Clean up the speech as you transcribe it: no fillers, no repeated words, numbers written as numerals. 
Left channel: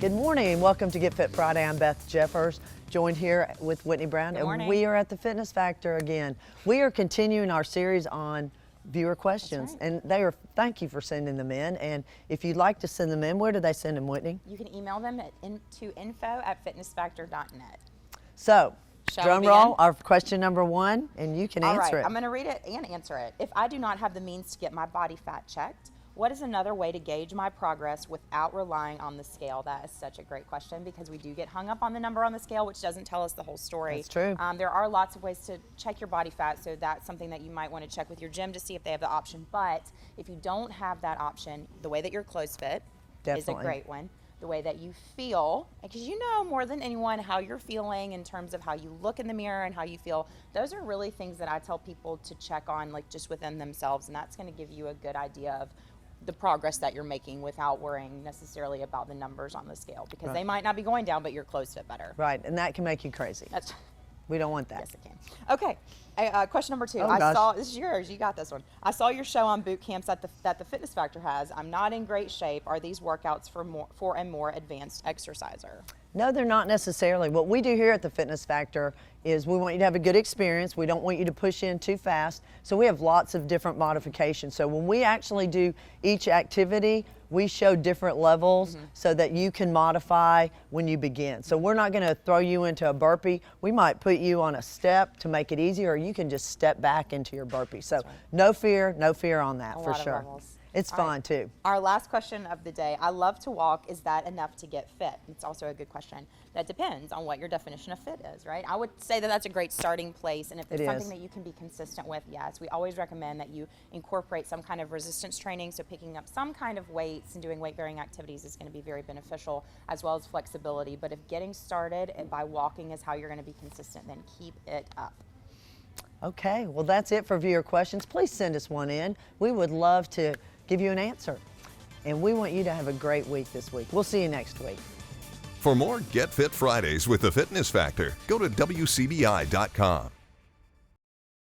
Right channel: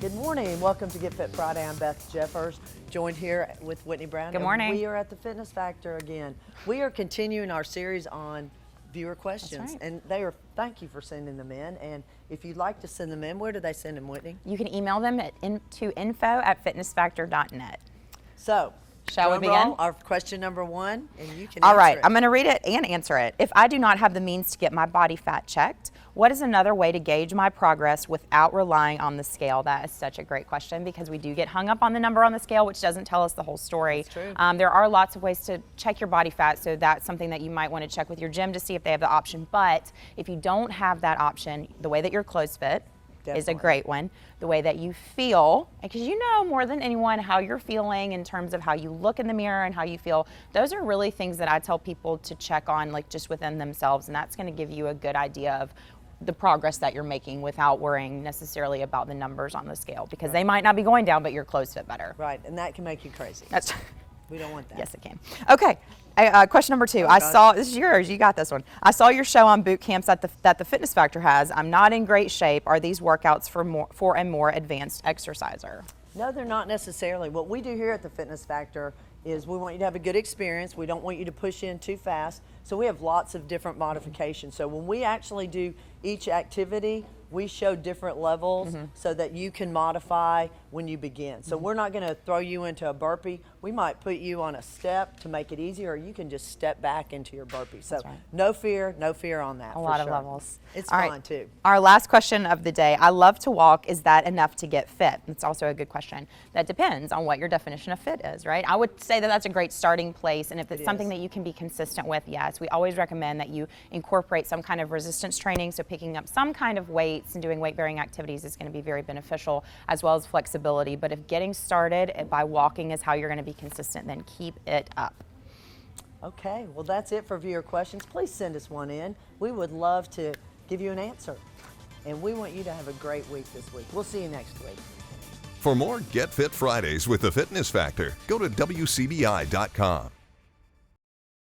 Good morning. Welcome to Get Fit Friday. I'm Beth Jeffers, joined here with Whitney Brown. Good morning. And we are at the Fitness Factor again. We are continuing our series on viewer questions. That's And thank you for sending them in. And if you'd like to send them in, where do they send them, Whitney? You can email them to info@fitnessfactor.net. So, Shall drum we roll, begin? our question number one, and you can All answer right, it. I'm going to read it and answer it. If I do not have the means to get my body fat checked, what is another way to gauge my progress without relying on the scale? That is such a great question because we do get hung up on the number on the scale, which doesn't tell us the whole story. That's true. There are lots of ways to check your body fat, so that's something that you might want to check with your gym to see if they have the option. But if you don't have that option, the way that your clothes fit is a Definitely. great one. The way that you feel, because you know more than anyone how you're feeling in terms of how you look in the mirror and how you feel. Those are really things that I tell people to check on, like just within themselves, and that's going to give you a good idea of the progress that you're making without worrying necessarily about the numbers on the scale, because they might not be going down, but your clothes fit better. Right, and that can make you crazy. That's We don't want that. Yes, it can. Okay. Question number two. Oh, I gosh. saw, this is yours, you got this one. I saw your show on boot camps that the Fitness Factor has. I'm not in great shape. Are these workouts for a more advanced exerciser? No, they're not necessarily. What we do here at the Fitness Factor is we want you to have a good experience. We don't want you to push in too fast. So we have lots of different modifications. So when we actually do each activity, we show different levels so that you can modify when you begin. So we're not going to throw you into a burpee. We might put you on a step to make it easier, or you can just step back into your burpee. So no fear on that. A for lot sure. of levels. It's All fun right. too. Our last question of the day. I love to walk. Is that enough to get fit? It's also a good question. That depends on what your definition of fit is, right? I would say that that's a great starting place, and if it's something that you can be consistent with, yes. We always recommend that you incorporate some kind of resistance training, so picking up some kind of weights and doing weight-bearing activities is going to be very beneficial, as well as flexibility. But if getting started by walking is how you're going to be consistent, then keep it up. Okay, well that's it for viewer questions. Please send us one in. We would love to give you an answer. And we want you to have a great week this week. We'll see you next week. For more Get Fit Fridays with the Fitness Factor, go to WCBI.com.